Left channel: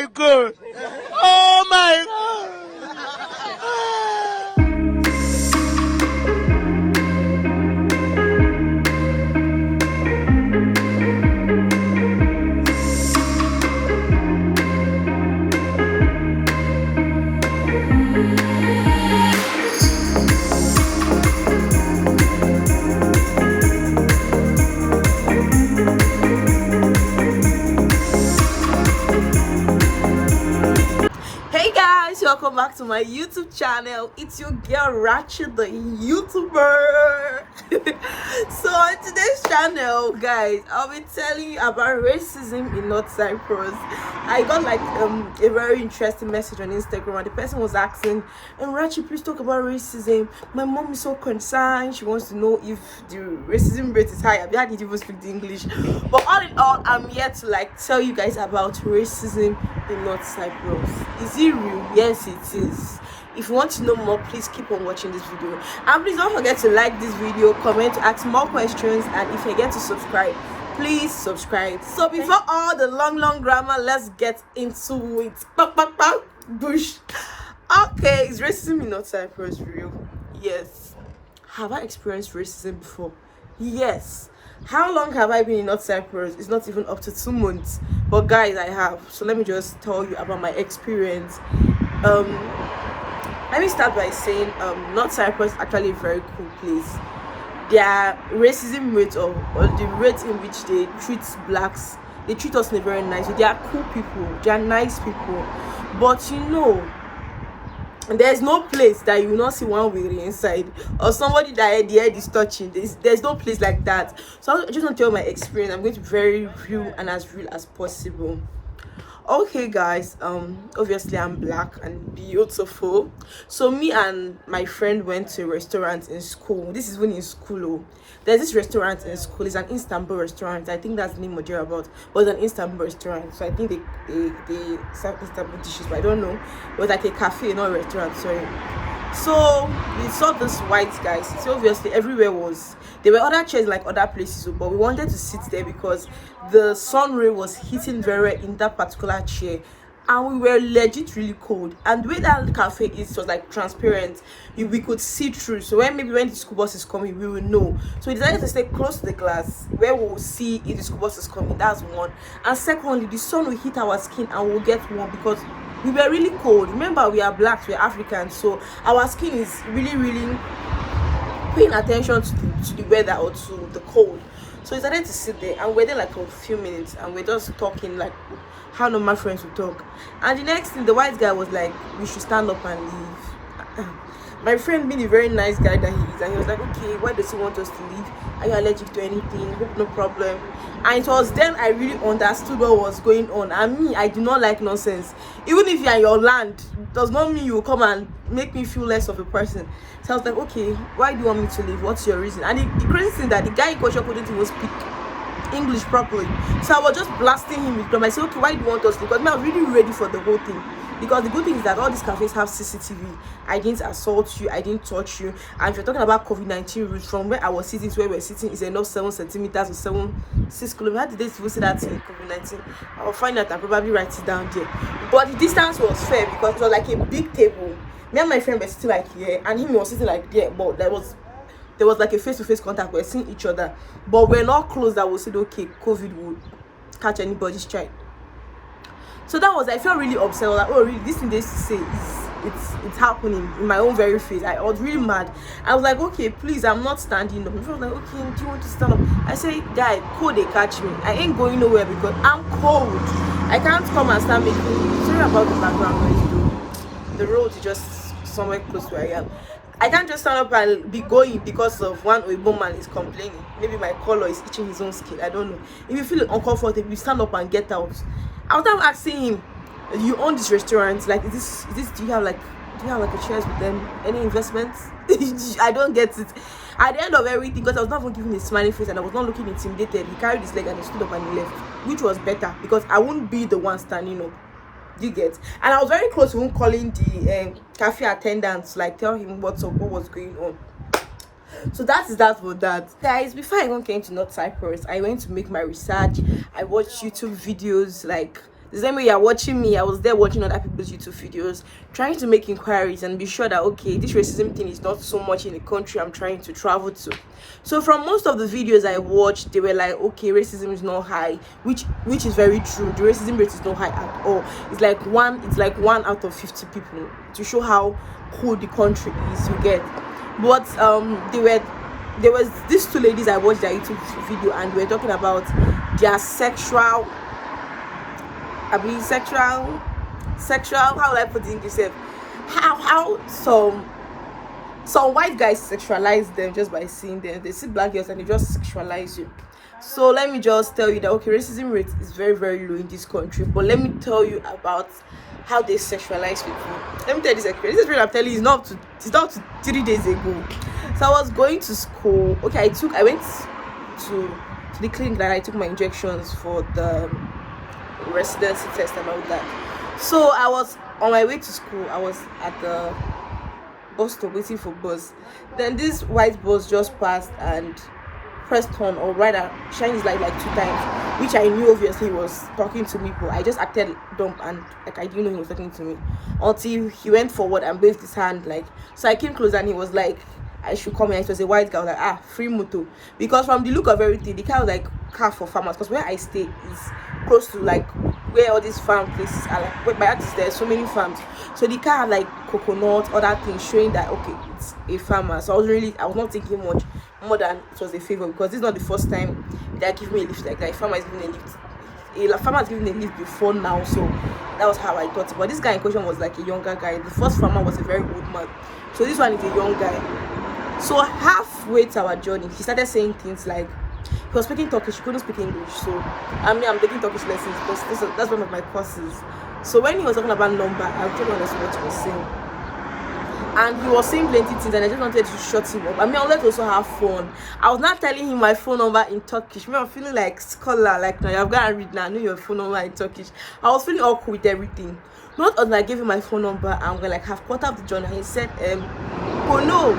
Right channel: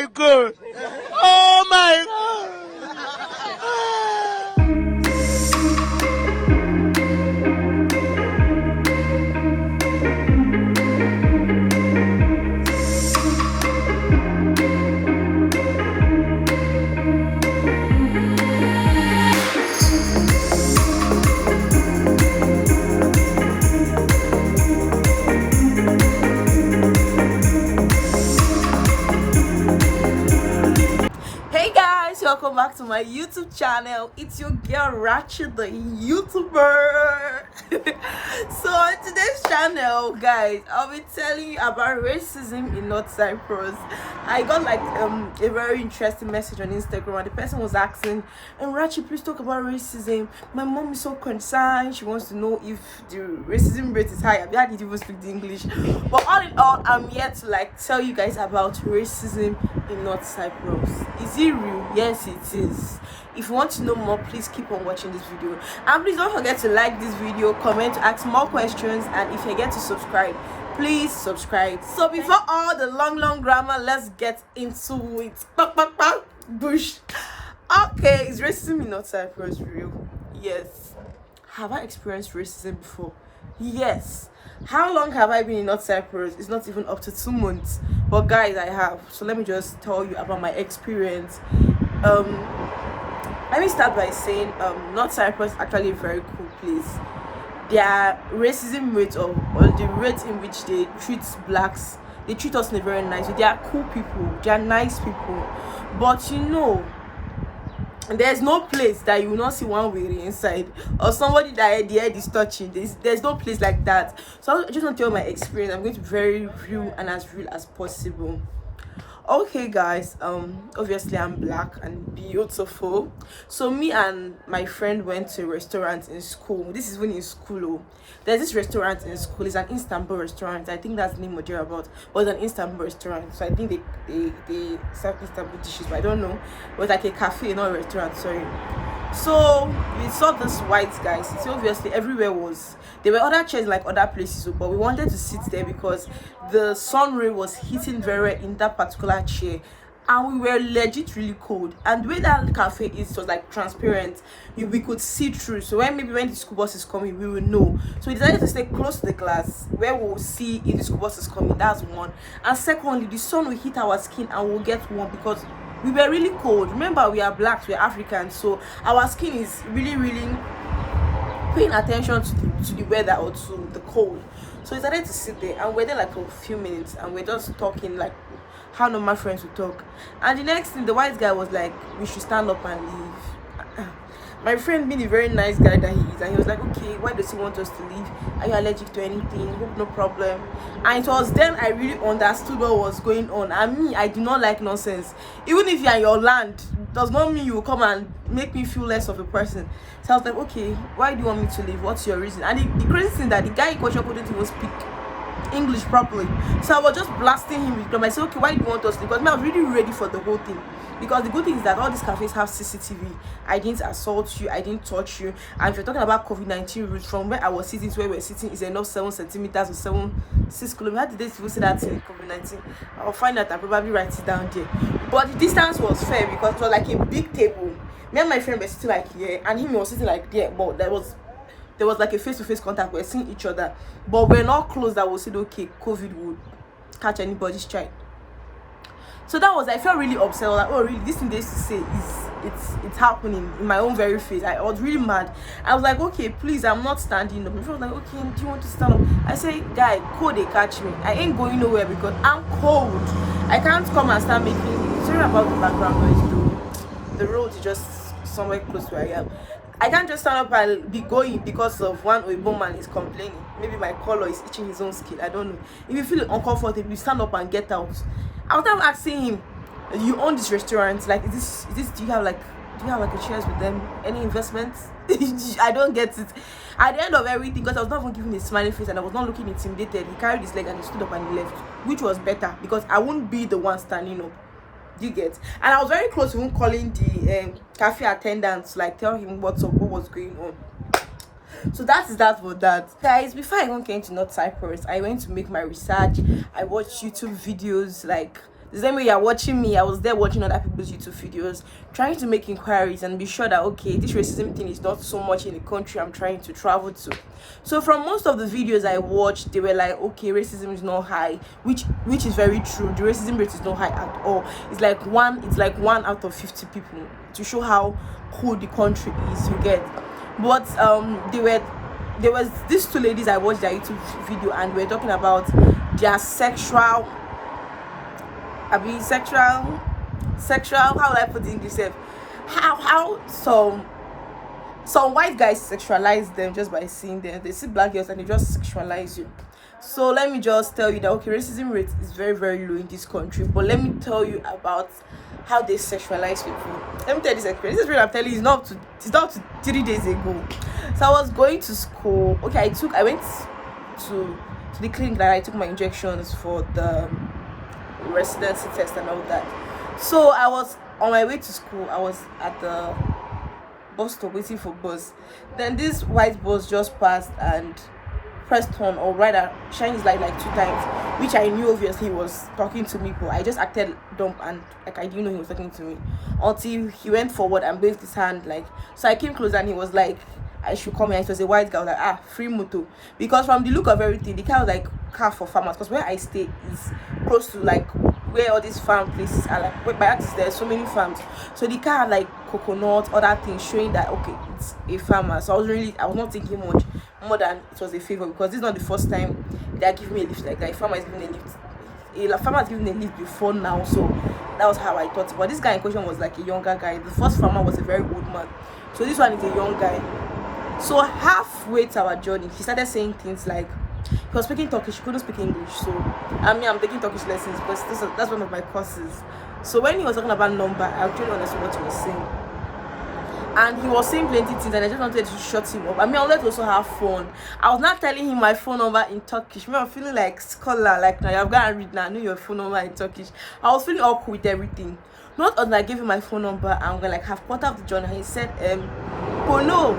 my God! Oh my God! Hey guys, welcome back to my YouTube channel. It's your girl Rachel, the YouTuber. So on today's channel, guys, I'll be telling you about racism in North Cyprus. I got like a very interesting message on Instagram, and the person was asking, Rachel, please talk about racism. My mom is so concerned. She wants to know if the racism rate is high. I didn't even speak the English, but all in all, I'm here to like tell you guys about racism in North Cyprus. Is it real? Yes, it is. If you want to know more, please keep on watching this video, and please don't forget to like this video, comment, ask more questions, and if you get to subscribe, please subscribe. So before all the long grammar, let's get into it. Bush. Okay, is racism in North Cyprus real? Yes. Have I experienced racism before? Yes. How long have I been in North Cyprus? It's not even up to 2 months, but guys, I have. So let me just tell you about my experience. Let me start by saying North Cyprus is actually a very cool place. Their racism rate, or the rate in which they treat blacks, they treat us in a very nice way. They are cool people, they are nice people, but you know, there's no place that you will not see one weary inside, or somebody that the head is touching. There's no place like that. So I just want to tell my experience. I'm going to be very real and as real as possible. Okay guys, obviously I'm black and beautiful, so me and my friend went to a restaurant in school. This is when in school. Oh, there's this restaurant in school. It's an Istanbul restaurant. I think that's the name of you're about, but it's an Istanbul restaurant. So I think they serve Istanbul dishes, but I don't know. It was like a cafe, not a restaurant, sorry. So we saw this white guy. So obviously everywhere was, there were other chairs like other places, but we wanted to sit there because the sun ray was hitting very in that particular chair, and we were legit really cold. And the way that cafe is, was like transparent, we could see through. So when the school bus is coming, we will know. So we decided to stay close to the class where we will see if the school bus is coming. That's one. And secondly, the sun will hit our skin and we'll get warm because we were really cold. Remember, we are blacks, we're Africans, so our skin is really paying attention to the weather or to the cold. So we started to sit there, and we're there like for a few minutes, and we're just talking like how normal friends would talk. And the next thing, the white guy was like, we should stand up and leave. My friend, being a very nice guy that he is, and he was like, okay, why does he want us to leave? Are you allergic to anything? Hope no problem. And it was then I really understood what was going on. And me, I do not like nonsense. Even if you're in your land, it does not mean you will come and make me feel less of a person. So I was like, okay, why do you want me to leave? What's your reason? And the crazy thing that the guy in question couldn't even speak English properly. So I was just blasting him with them. I said, okay, why do you want us to leave? Because I was really ready for the whole thing. Because the good thing is that all these cafes have CCTV. I didn't assault you, I didn't touch you. And if you're talking about COVID-19 rules, from where I was sitting to where we're sitting is enough 7 centimeters or 6 kilometers. How did they say that in COVID-19? I'll find out and probably write it down there. But the distance was fair because it was like a big table. Me and my friend were sitting like here, and him was sitting like there. But there was like a face-to-face contact. We're seeing each other, but we're not close that we said okay, COVID would catch anybody's child. So that was, I felt really upset. I was like, oh really, this thing they used to say is it's happening in my own very face. I was really mad. I was like, okay, please, I'm not standing up. My friend was like, okay, do you want to stand up? I say, guy, cold, they catch me. I ain't going nowhere because I'm cold. I can't come and start making, sorry about the background noise though. The road is just somewhere close to where I am. I can't just stand up and be going because of one Oibo man is complaining. Maybe my color is itching his own skin. I don't know. If you feel uncomfortable, you stand up and get out. I was asking him, you own this restaurant, like is this do you have like a shares with them, any investments? I don't get it. At the end of everything, because I was not even giving a smiling face and I was not looking intimidated, he carried his leg and he stood up and he left, which was better because I wouldn't be the one standing up. You get? And I was very close to him, calling the cafe attendants, like tell him what's up, what was going on. So that is that for that, guys. Before I even came to North Cyprus, I went to make my research. I watched YouTube videos, like The same way you're watching me, I was there watching other people's YouTube videos, trying to make inquiries and be sure that okay, this racism thing is not so much in the country I'm trying to travel to. So from most of the videos I watched, they were like, okay, racism is not high, which is very true. The racism rate is not high at all. It's like one out of 50 people, to show how cool the country is, you get. But there was these two ladies I watched their YouTube video, and we were talking about their sexual, how will I put the English self? How some white guys sexualize them just by seeing them. They see black girls and they just sexualize you. So let me just tell you that okay, racism rate is very, very low in this country. But let me tell you about how they sexualize people. Let me tell you this experience. This is what I'm telling you. It's not to 3 days ago. So I was going to school. Okay, I went to the clinic that I took my injections for the residency test and all that. So I was on my way to school. I was at the bus stop waiting for bus. Then this white bus just passed and pressed on, or rather shined his light like 2 times, which I knew obviously he was talking to me, but I just acted dumb and like I didn't know he was talking to me until he went forward and waved his hand. Like, so I came closer and he was like I should come here. It was a white guy. I was like, free moto, because from the look of everything, the car was like car for farmers, because where I stay is close to like where all these farm places are. Like by that is there are so many farms, so the car had like coconut, other things showing that okay, it's a farmer. So I was not thinking much more than it was a favor, because this is not the first time they are giving me a lift like that. A farmer is giving a lift. A farmer has given a lift before now, so that was how I thought. But this guy in question was like a younger guy. The first farmer was a very old man, so this one is a young guy. So halfway to our journey, he started saying things like he was speaking Turkish, he couldn't speak English. So I'm taking Turkish lessons because that's one of my courses. So when he was talking about number, I actually understood what he was saying. And he was saying plenty things, and I just wanted to shut him up. I wanted to also have fun. I was not telling him my phone number in Turkish. I'm feeling like scholar, like now you've got to read now. I know your phone number in Turkish. I was feeling awkward with everything. Not until I gave him my phone number and we're like half quarter of the journey. He said, Pono.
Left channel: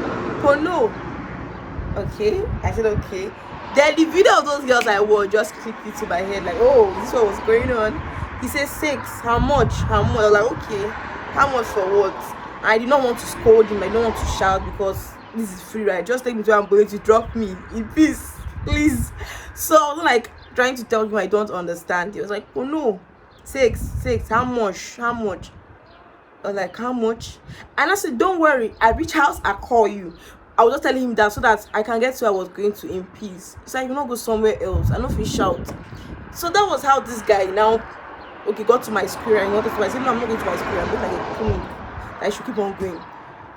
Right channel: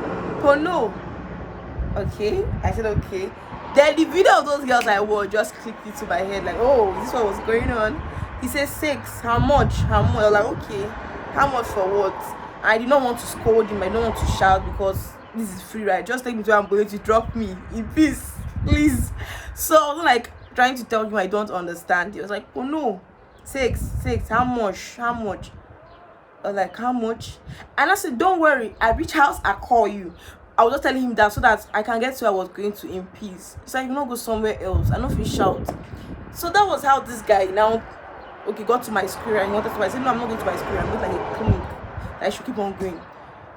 Okay, I said okay. Then the video of those girls I wore just clicked into my head, like, oh, this is what was going on. He said 6. How much? I was like, okay, how much for what? I did not want to scold him. I don't want to shout because this is free ride. Just take me to where I'm going to, drop me in peace, please. So I was like trying to tell him I don't understand. He was like, oh no, 6. How much? I was like, how much? And I said, don't worry, I reach house, I call you. I was just telling him that so that I can get to where I was going to in peace. He's like, you not go somewhere else. I know if you shout. So that was how this guy now got to my school and he wanted to. I said, no, I'm not going to my school. I'm going like a clinic. I should keep on going.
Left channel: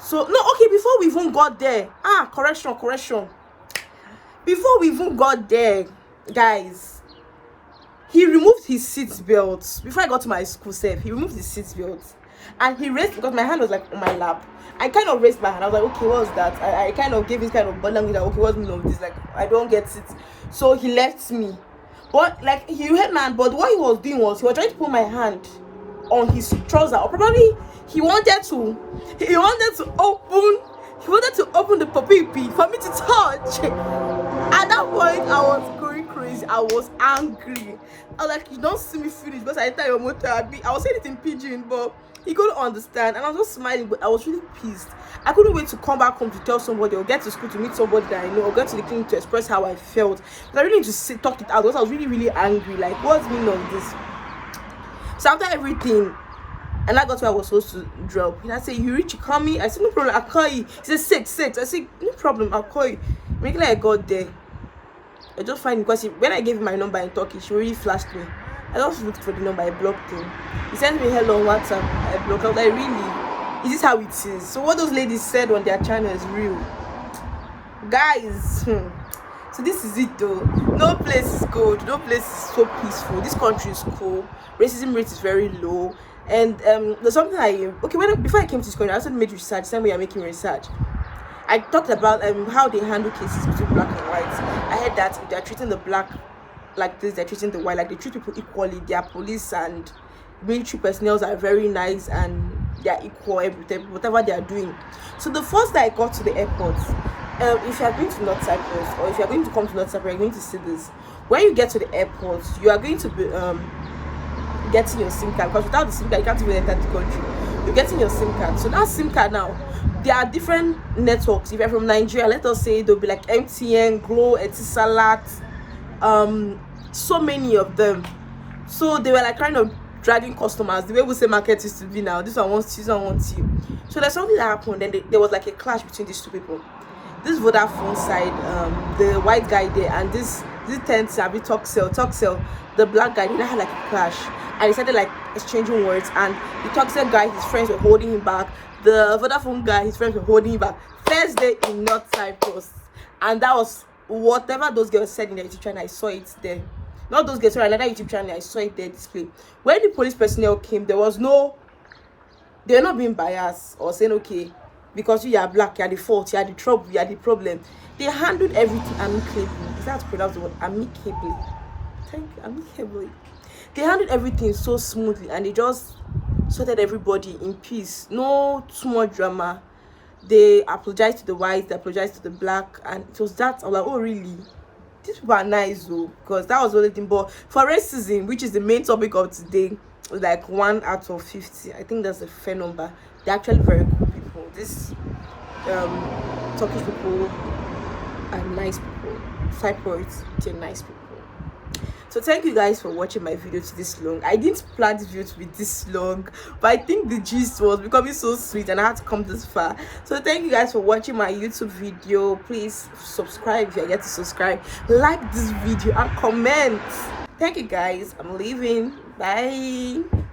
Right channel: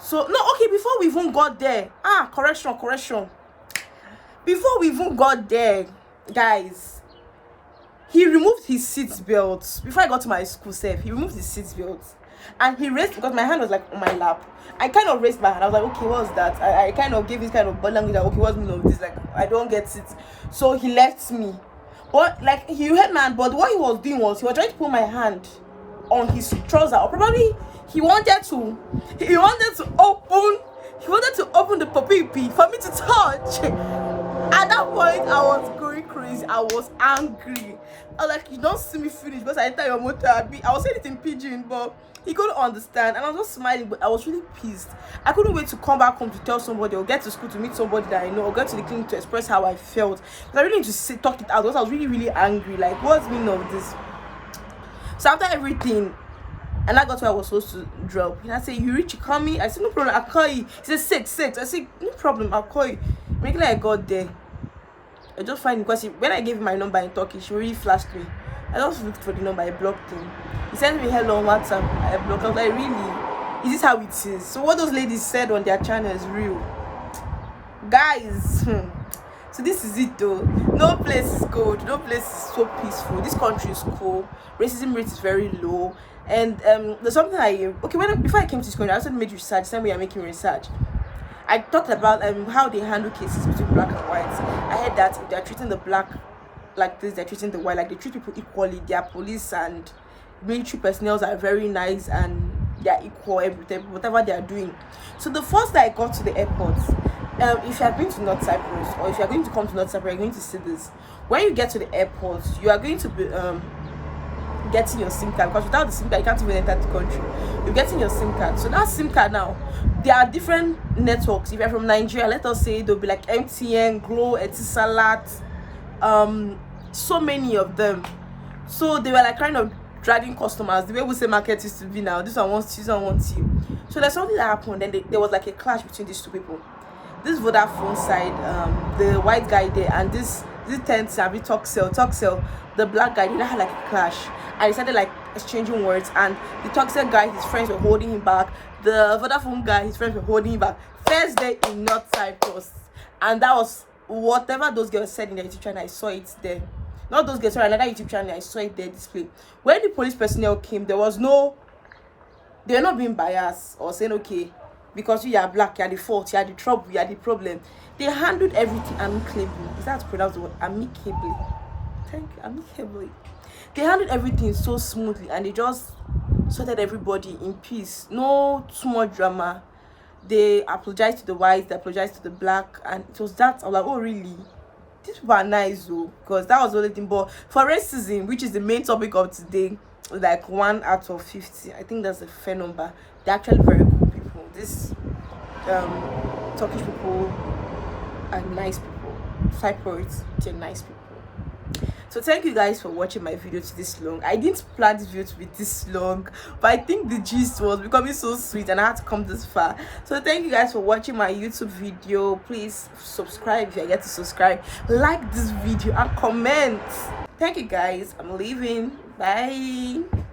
So no, okay, before we even got there, correction. Before we even got there, guys, he removed his seat belt. Before I got to my school self, he removed his seat belt. And he raised, because my hand was like on my lap. I kind of raised my hand. I was like, okay, what was that? I kind of gave his kind of body language that, okay, what's the meaning of this? Like, I don't get it. So he left me. But like, he held my hand, but what he was doing was he was trying to put my hand on his trouser, or probably he wanted to open the puppy for me to touch. At that point, I was going crazy. I was angry. I was like, you don't see me finish because I enter your motor. I was saying it in pidgin, but he couldn't understand, and I was just smiling, but I was really pissed. I couldn't wait to come back home to tell somebody, or get to school to meet somebody that I know, or get to the clinic to express how I felt. But I really need to talk it out because I was really, really angry. Like, what's the meaning of this? So after everything, and I got where I was supposed to drop, and I said, you reach, you call me? I said, no problem, I'll call you. He said, 6. I said, no problem, I'll call you. Immediately I got there, I just find him, because when I gave him my number in Turkish, he really flashed me. I just looked for the number, I blocked him. He sent me hello on WhatsApp, I blocked him. I was like, really? Is this how it is? So what those ladies said on their channel is real. Guys, so this is it though. No place is good, no place is so peaceful. This country is cool, racism rate is very low. And there's something before I came to this country, I also made research. Same way I'm making research, I talked about how they handle cases between black and white. I heard that if they're treating the black like this, they're treating the white like they treat people equally. Their police and military personnel are very nice and they're equal everything, whatever they are doing. So the first day I got to the airport, if you are going to North Cyprus, or if you are going to come to North Cyprus, you're going to see this. When you get to the airport, you are going to be getting your SIM card, because without the SIM card you can't even enter the country. You're getting your SIM card. So that SIM card now, there are different networks. If you're from Nigeria, let us say there'll be like MTN, Glow, Etisalat, so many of them. So they were like kind of dragging customers. The way we say market used to be now, this one wants you, this one wants you. So there's something that happened, and there was like a clash between these two people. This Vodafone side, the white guy there, and this 10 Sabi Talksell, the black guy, they had like a clash, and they started like exchanging words. And the Talksell guy, his friends were holding him back. The Vodafone guy, his friends were holding him back. First day in North Cyprus, and that was whatever those girls said in their YouTube channel. I saw it there. Not those girls, sorry, another YouTube channel. I saw it there displayed. When the police personnel came, they were not being biased or saying, okay, because you are black, you are the fault, you are the trouble, you are the problem. They handled everything amicably. Is that pronounced the word? Amicably. Thank you, amicably. They handled everything so smoothly, and they just sorted everybody in peace. No too much drama. They apologized to the white, they apologized to the black, and it was that. I was like, oh really? These people are nice though, because that was the only thing. But for racism, which is the main topic of today, like 1 out of 50, I think that's a fair number. They're actually very cool people. This Turkish people are nice people. Cyprus, they're nice people. So thank you guys for watching my video to this long. I didn't plan this video to be this long, but I think the gist was becoming so sweet and I had to come this far. So thank you guys for watching my YouTube video. Please subscribe if you get to subscribe, like this video and comment. Thank you guys. I'm leaving. Bye.